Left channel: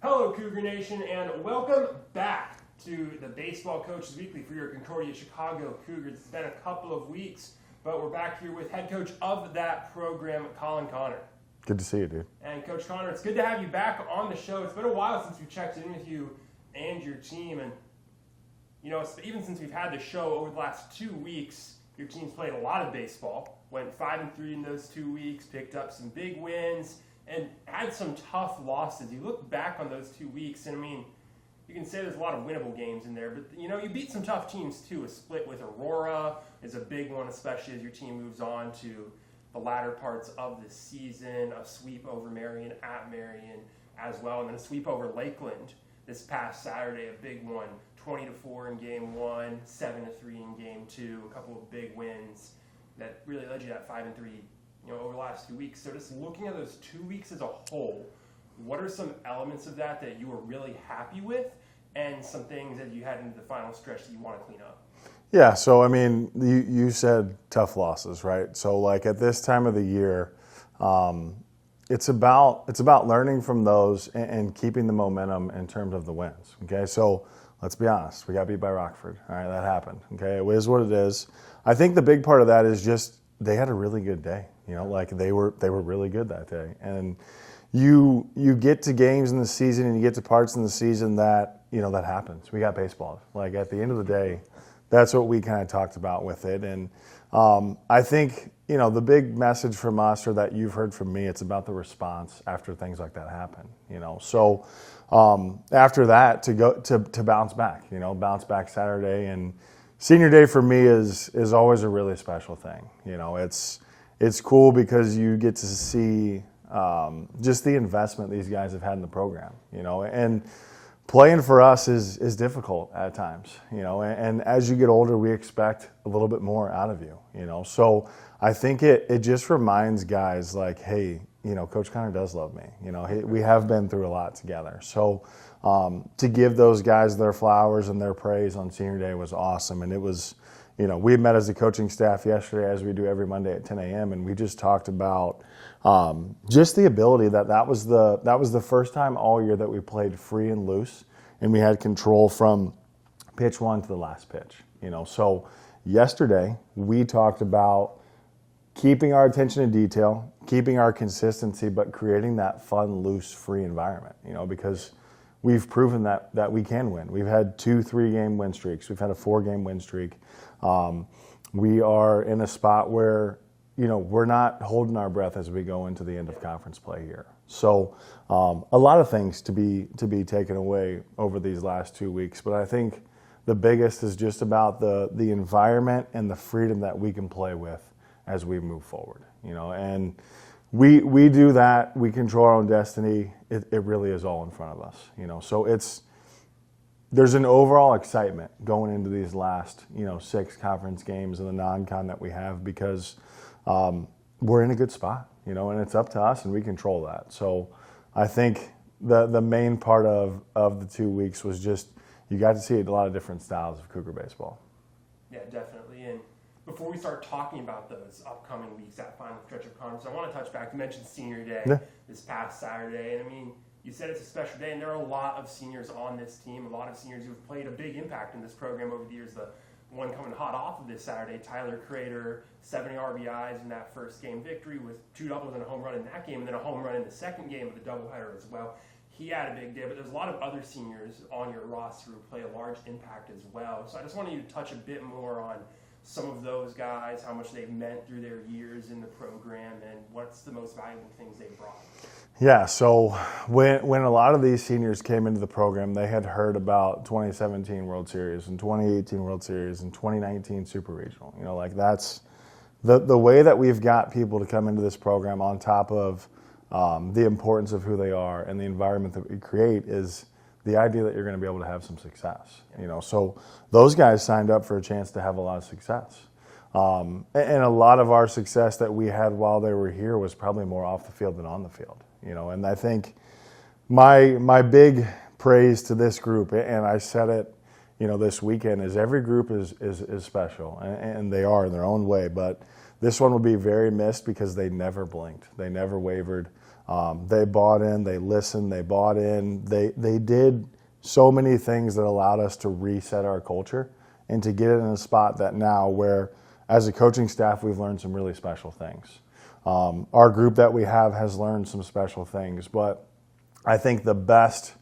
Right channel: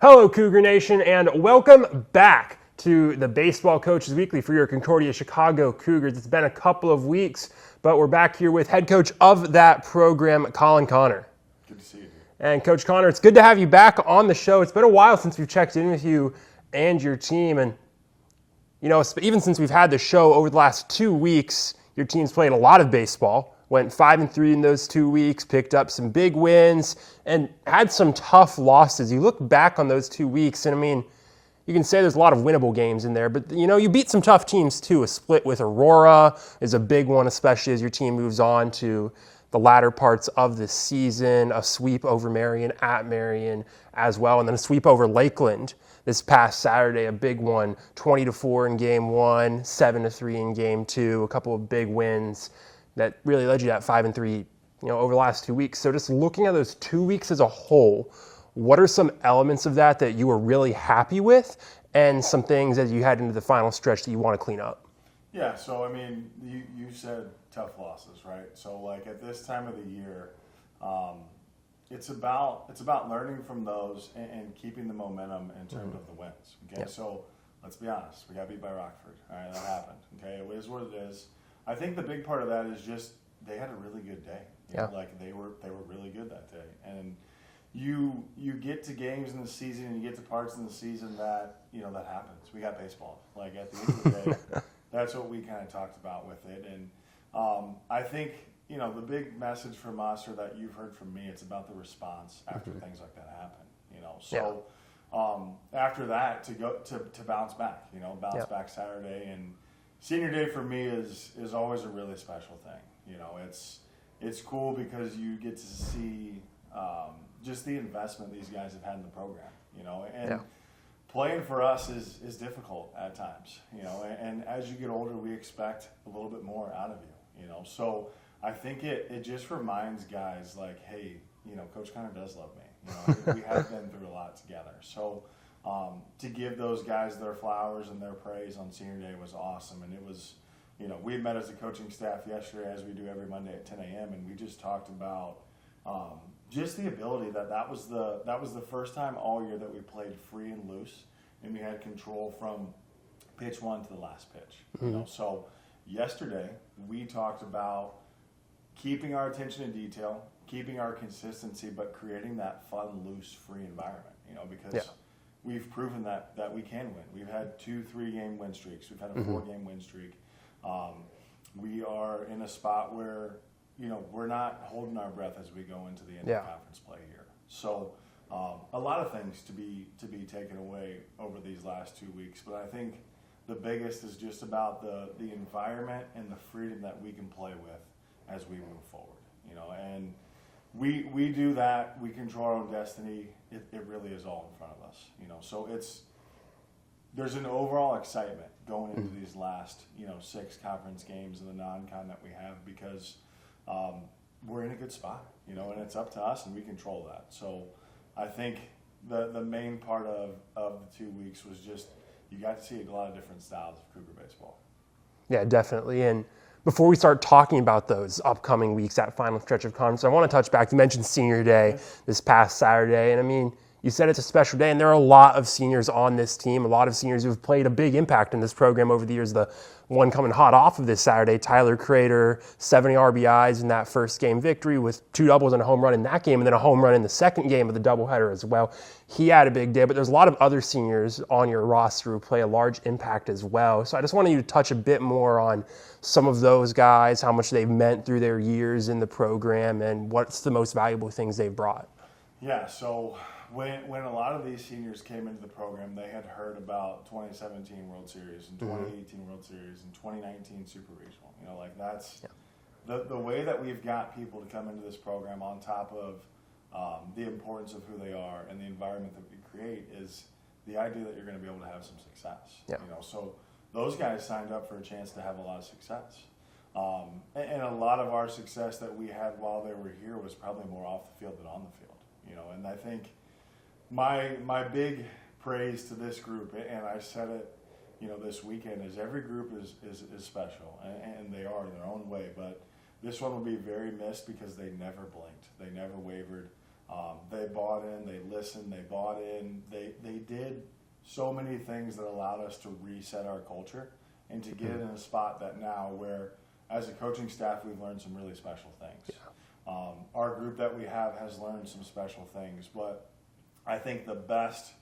Hello, Cougar Nation, and welcome back to the Baseball Coaches Weekly for your Concordia Chicago Cougars. It's been a couple of weeks, but we're back here with head coach of that program, Colin Connor. Good to see you, dude. And Coach Connor, it's good to have you back on the show. It's been a while since we've checked in with you and your team, and even since we've had the show over the last 2 weeks, your team's played a lot of baseball. Went 5-3 in those 2 weeks, picked up some big wins, and had some tough losses. You look back on those 2 weeks, and you can say there's a lot of winnable games in there, but you beat some tough teams too. A split with Aurora is a big one, especially as your team moves on to the latter parts of the season. A sweep over Marion at Marion as well, and then a sweep over Lakeland this past Saturday, a big one, 20-4 in game 1, 7-3 in game 2, a couple of big wins that really led you to that 5-3, over the last 2 weeks. So just looking at those 2 weeks as a whole, what are some elements of that you were really happy with, and some things as you head into the final stretch that you want to clean up? Yeah, so you said tough losses, right? So like at this time of the year, it's about learning from those and keeping the momentum in terms of the wins. Okay, so let's be honest, we got beat by Rockford. All right, that happened. Okay, it is what it is. I think the big part of that is just they had a really good day. Like they were really good that day. And you get to games in the season and you get to parts in the season that that happens. We got baseball. Like at the end of the day, that's what we kind of talked about with it. And I think the big message from us, or that you've heard from me, it's about the response after things like that happen. So after that to bounce back. Back Saturday. And senior day for me is always a really special thing. It's cool because you get to see just the investment these guys have had in the program. Playing for us is difficult at times. And as you get older, we expect a little bit more out of you. So I think it just reminds guys like, hey, Coach Connor does love me. We have been through a lot together. So to give those guys their flowers and their praise on senior day was awesome. And it was, we met as a coaching staff yesterday, as we do every Monday at 10 a.m. And we just talked about just the ability that was the first time all year that we played free and loose, and we had control from pitch 1 to the last pitch. So yesterday we talked about keeping our attention to detail, keeping our consistency, but creating that fun, loose, free environment. Because we've proven that we can win. We've had 2 3-game win streaks. We've had a 4-game win streak. We are in a spot where we're not holding our breath as we go into the end of conference play here. So a lot of things to be taken away over these last 2 weeks. But I think the biggest is just about the environment and the freedom that we can play with as we move forward. And we do that. We control our own destiny. It really is all in front of us. So there's an overall excitement going into these last 6 conference games and the non-con that we have, because we're in a good spot, and it's up to us, and we control that. So I think the main part of the 2 weeks was just you got to see a lot of different styles of Cougar baseball. Yeah, definitely. And before we start talking about those upcoming weeks, that final stretch of conference, I want to touch back. You mentioned senior day this past Saturday, and you said it's a special day, and there are a lot of seniors on this team, a lot of seniors who've played a big impact in this program over the years. The one coming hot off of this Saturday, Tyler Crater, 70 RBIs in that first game victory with 2 doubles and a home run in that game, and then a home run in the second game of the doubleheader as well. He had a big day, but there's a lot of other seniors on your roster who play a large impact as well. So I just wanted you to touch a bit more on some of those guys, how much they've meant through their years in the program, and what's the most valuable things they've brought. Yeah, so when a lot of these seniors came into the program, they had heard about 2017 World Series and 2018 World Series and 2019 Super Regional. That's the way that we've got people to come into this program, on top of the importance of who they are and the environment that we create, is the idea that you're going to be able to have some success. So those guys signed up for a chance to have a lot of success. And a lot of our success that we had while they were here was probably more off the field than on the field. And I think my big praise to this group, and I said it, this weekend, is every group is special, and they are in their own way. But this one will be very missed because they never blinked, they never wavered. They bought in, they listened, they bought in. They did so many things that allowed us to reset our culture and to get it in a spot that now where, as a coaching staff, we've learned some really special things. Our group that we have has learned some special things, but I think the best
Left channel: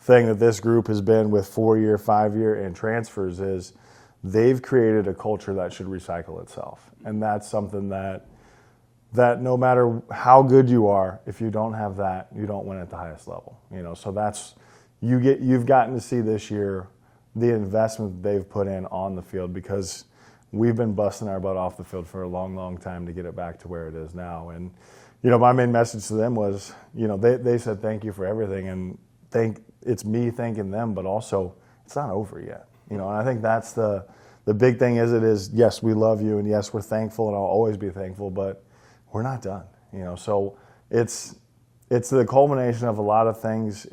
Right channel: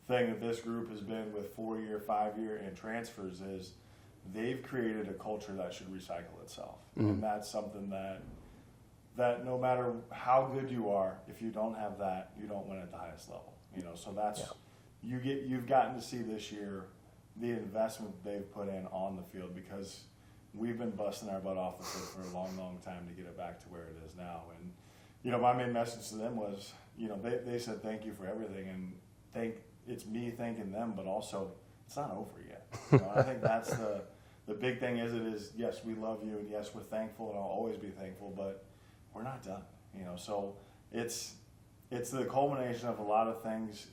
thing that this group has been with 4-year, 5-year, and transfers is they've created a culture that should recycle itself. Mm-hmm. And that's something that no matter how good you are, if you don't have that, you don't win at the highest level. So that's you've gotten to see this year the investment that they've put in on the field, because we've been busting our butt off the field for a long, long time to get it back to where it is now. And my main message to them was, they said thank you for everything, and it's me thanking them, but also it's not over yet. And I think that's the big thing is yes, we love you, and yes, we're thankful, and I'll always be thankful, but we're not done. So it's the culmination of a lot of things.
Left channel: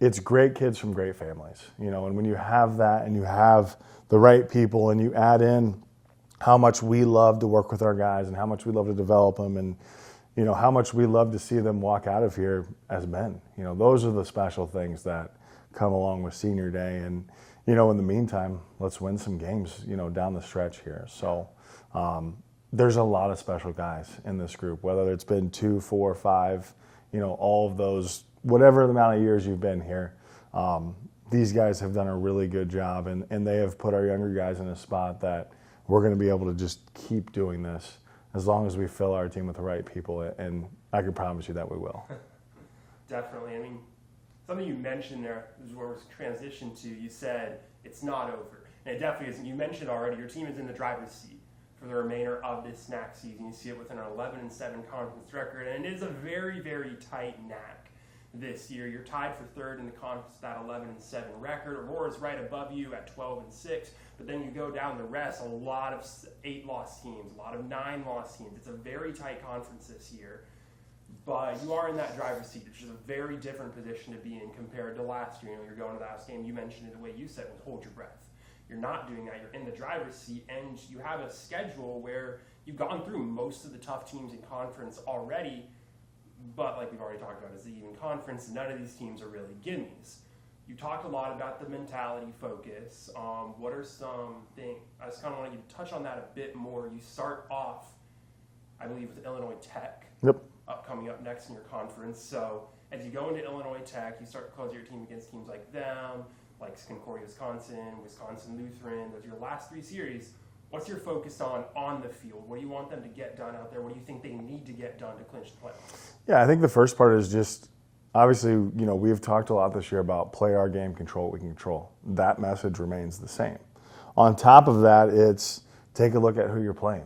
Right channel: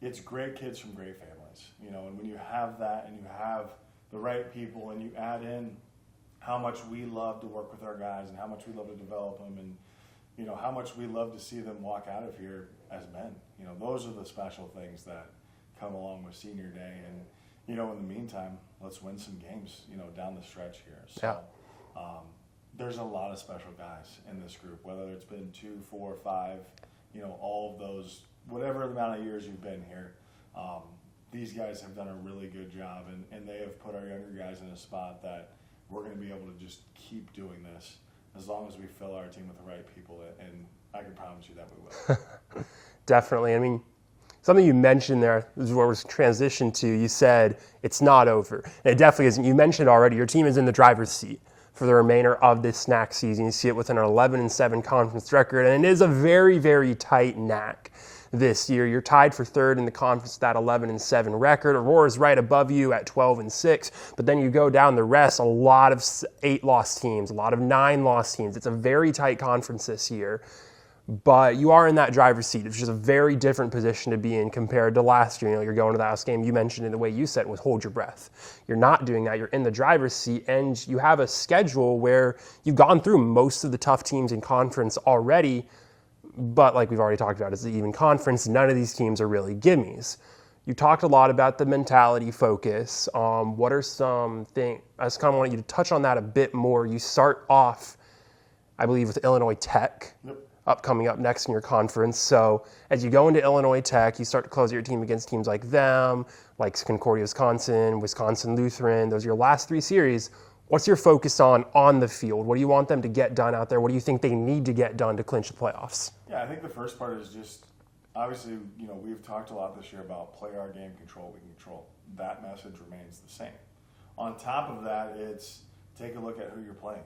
It's great kids from great families, and when you have that and you have the right people and you add in how much we love to work with our guys and how much we love to develop them, and how much we love to see them walk out of here as men. Those are the special things that come along with senior day. And, in the meantime, let's win some games, down the stretch here. So there's a lot of special guys in this group, whether it's been 2, 4, 5, all of those, whatever the amount of years you've been here. These guys have done a really good job, and they have put our younger guys in a spot that we're going to be able to just keep doing this as long as we fill our team with the right people, and I can promise you that we will. Definitely. I mean, something you mentioned there is where we're transitioned to. You said it's not over. And it definitely isn't. You mentioned already your team is in the driver's seat for the remainder of this NAC season. You see it with an 11-7 conference record, and it is a very, very tight NAC this year. You're tied for third in the conference with that 11-7 record. Aurora's right above you at 12-6, but then you go down the rest, a lot of 8-loss teams, a lot of 9-loss teams. It's a very tight conference this year, but you are in that driver's seat. It's just a very different position to be in compared to last year. You're going to the last game. You mentioned it the way you said it was hold your breath. You're not doing that. You're in the driver's seat, and you have a schedule where you've gone through most of the tough teams in conference already. But like we've already talked about, it's the even conference. None of these teams are really gimmies. You talked a lot about the mentality focus. What are some things? I just kind of want you to touch on that a bit more. You start off, I believe, with Illinois Tech. Yep. Coming up next in your conference. So as you go into Illinois Tech, you start to close your team against teams like them, like Concordia, Wisconsin, Wisconsin Lutheran. Those are your last 3 series. What's your focus on the field? What do you want them to get done out there? What do you think they need to get done to clinch the playoffs? Yeah, I think the first part is just, obviously, we've talked a lot this year about play our game, control what we can control. That message remains the same. On top of that, it's take a look at who you're playing.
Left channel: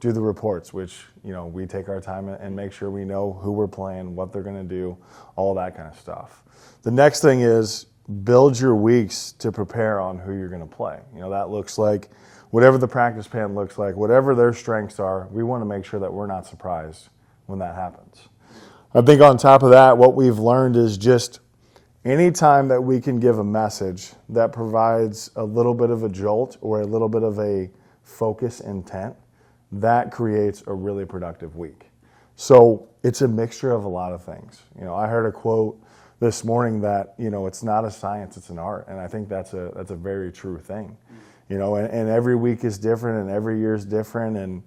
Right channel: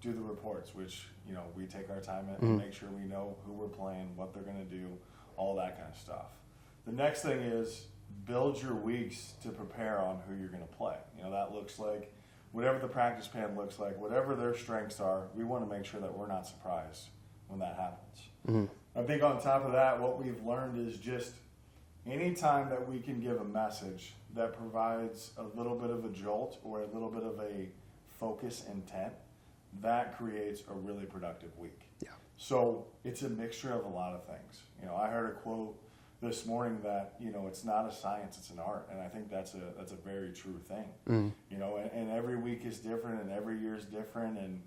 Do the reports, which, we take our time and make sure we know who we're playing, what they're going to do, all that kind of stuff. The next thing is build your weeks to prepare on who you're going to play. That looks like whatever the practice plan looks like, whatever their strengths are, we want to make sure that we're not surprised when that happens. Mm-hmm. I think on top of that, what we've learned is just anytime that we can give a message that provides a little bit of a jolt or a little bit of a focus intent, that creates a really productive week. Yeah. So it's a mixture of a lot of things. I heard a quote this morning that, it's not a science, it's an art. And I think that's a very true thing. Mm. And every week is different and every year is different. And,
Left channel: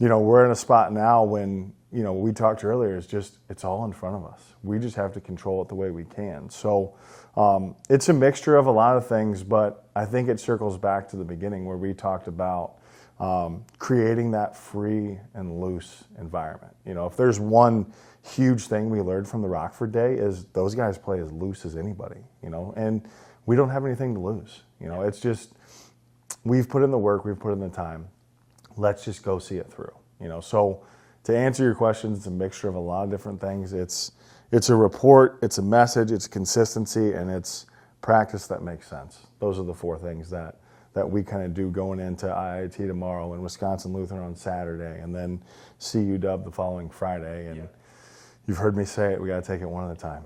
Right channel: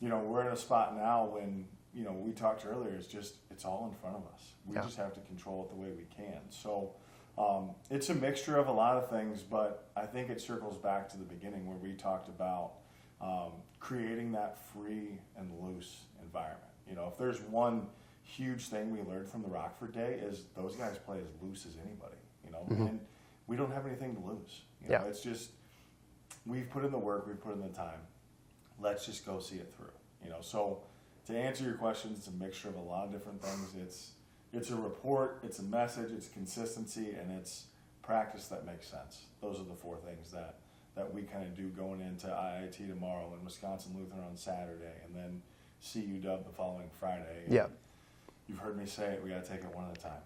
we're in a spot now when, we talked earlier, it's all in front of us. We just have to control it the way we can. So it's a mixture of a lot of things, but I think it circles back to the beginning where we talked about creating that free and loose environment. If there's one huge thing we learned from the Rockford day is those guys play as loose as anybody, mm-hmm. and we don't have anything to lose. It's just, we've put in the work, we've put in the time. Let's just go see it through. So to answer your questions, it's a mixture of a lot of different things. It's a report, it's a message, it's consistency, and it's practice that makes sense. Those are the 4 things that we kind of do going into IIT tomorrow and Wisconsin Lutheran on Saturday, and then CUW the following Friday. And you've heard me say it, we got to take it one at a time.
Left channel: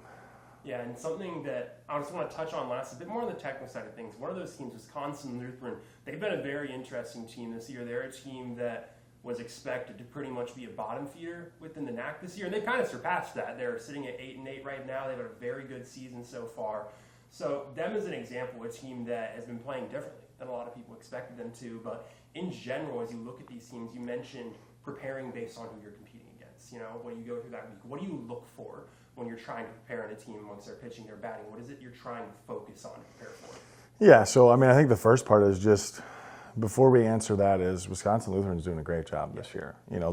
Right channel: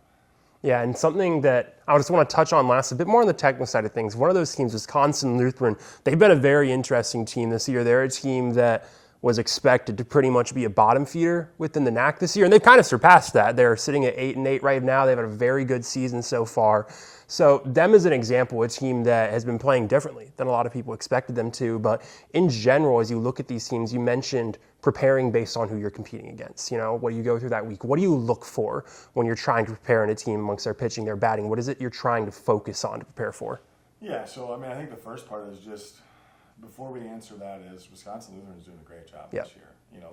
Yeah, and something that I just want to touch on last, a bit more on the technical side of things. One of those teams, Wisconsin Lutheran, they've been a very interesting team this year. They're a team that was expected to pretty much be a bottom feeder within the NAC this year, and they've kind of surpassed that. They're sitting at 8-8 right now. They've had a very good season so far. So them as an example, a team that has been playing differently than a lot of people expected them to. But in general, as you look at these teams, you mentioned preparing based on who you're competing against. You know, what do you go through that week? What do you look for when you're trying to prepare in a team amongst their pitching, their batting? What is it you're trying to focus on to prepare for? Yeah, so I mean, I think the first part is just, before we answer that, is Wisconsin Lutheran's doing a great job this year. You know,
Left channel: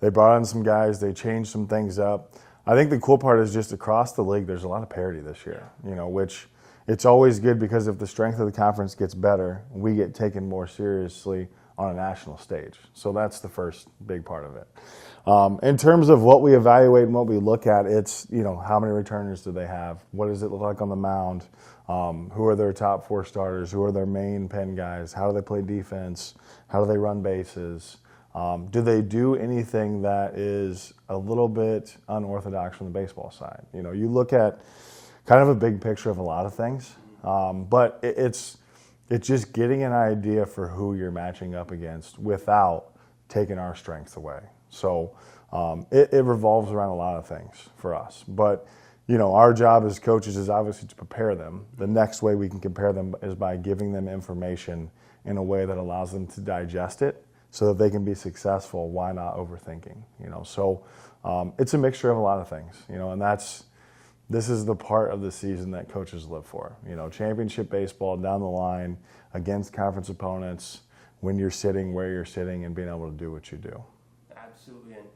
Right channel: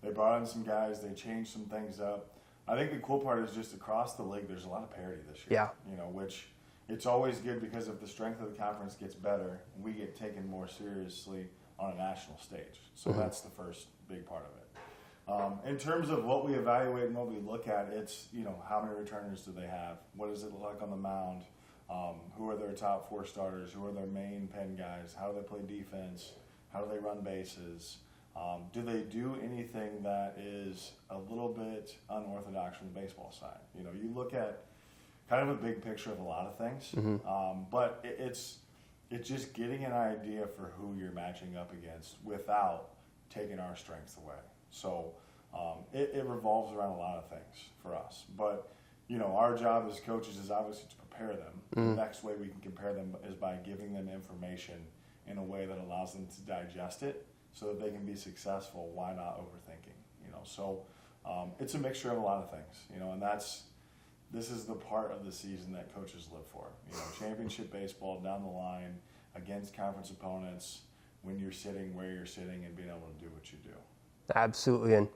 they brought in some guys, they changed some things up. I think the cool part is just across the league, there's a lot of parity this year. Yeah. You know, which it's always good, because if the strength of the conference gets better, we get taken more seriously on a national stage. So that's the first big part of it. In terms of what we evaluate and what we look at, it's, you know, how many returners do they have? What does it look like on the mound? Who are their top 4 starters? Who are their main pen guys? How do they play defense? How do they run bases? Do they do anything that is a little bit unorthodox from the baseball side? You know, you look at kind of a big picture of a lot of things, but it's just getting an idea for who you're matching up against without taking our strengths away. So it revolves around a lot of things for us. But, you know, our job as coaches is obviously to prepare them. The next way we can compare them is by giving them information in a way that allows them to digest it so that they can be successful. Why not overthinking? You know, so it's a mixture of a lot of things, you know, and this is the part of the season that coaches live for. You know, championship baseball down the line against conference opponents, when you're sitting where you're sitting and being able to do what you do. Absolutely. And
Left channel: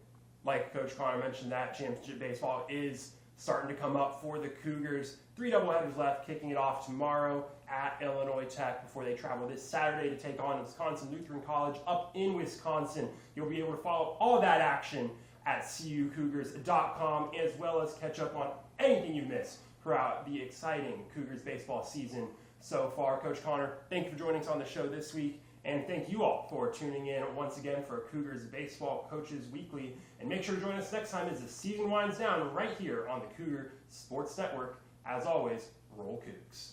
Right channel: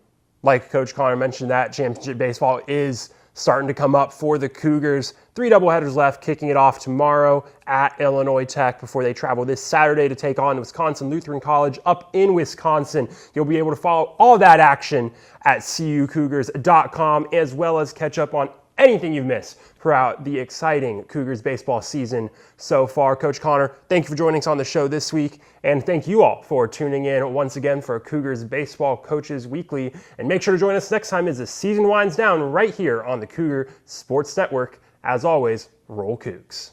like Coach Connor mentioned, that championship baseball is starting to come up for the Cougars. 3 doubleheaders left, kicking it off tomorrow at Illinois Tech before they travel this Saturday to take on Wisconsin Lutheran College up in Wisconsin. You'll be able to follow all that action at cucougars.com, as well as catch up on anything you've missed throughout the exciting Cougars baseball season so far. Coach Connor, thank you for joining us on the show this week, and thank you all for tuning in once again for Cougars Baseball Coaches Weekly. And make sure to join us next time as the season winds down right here on the Cougar Sports Network. As always, roll Cougs.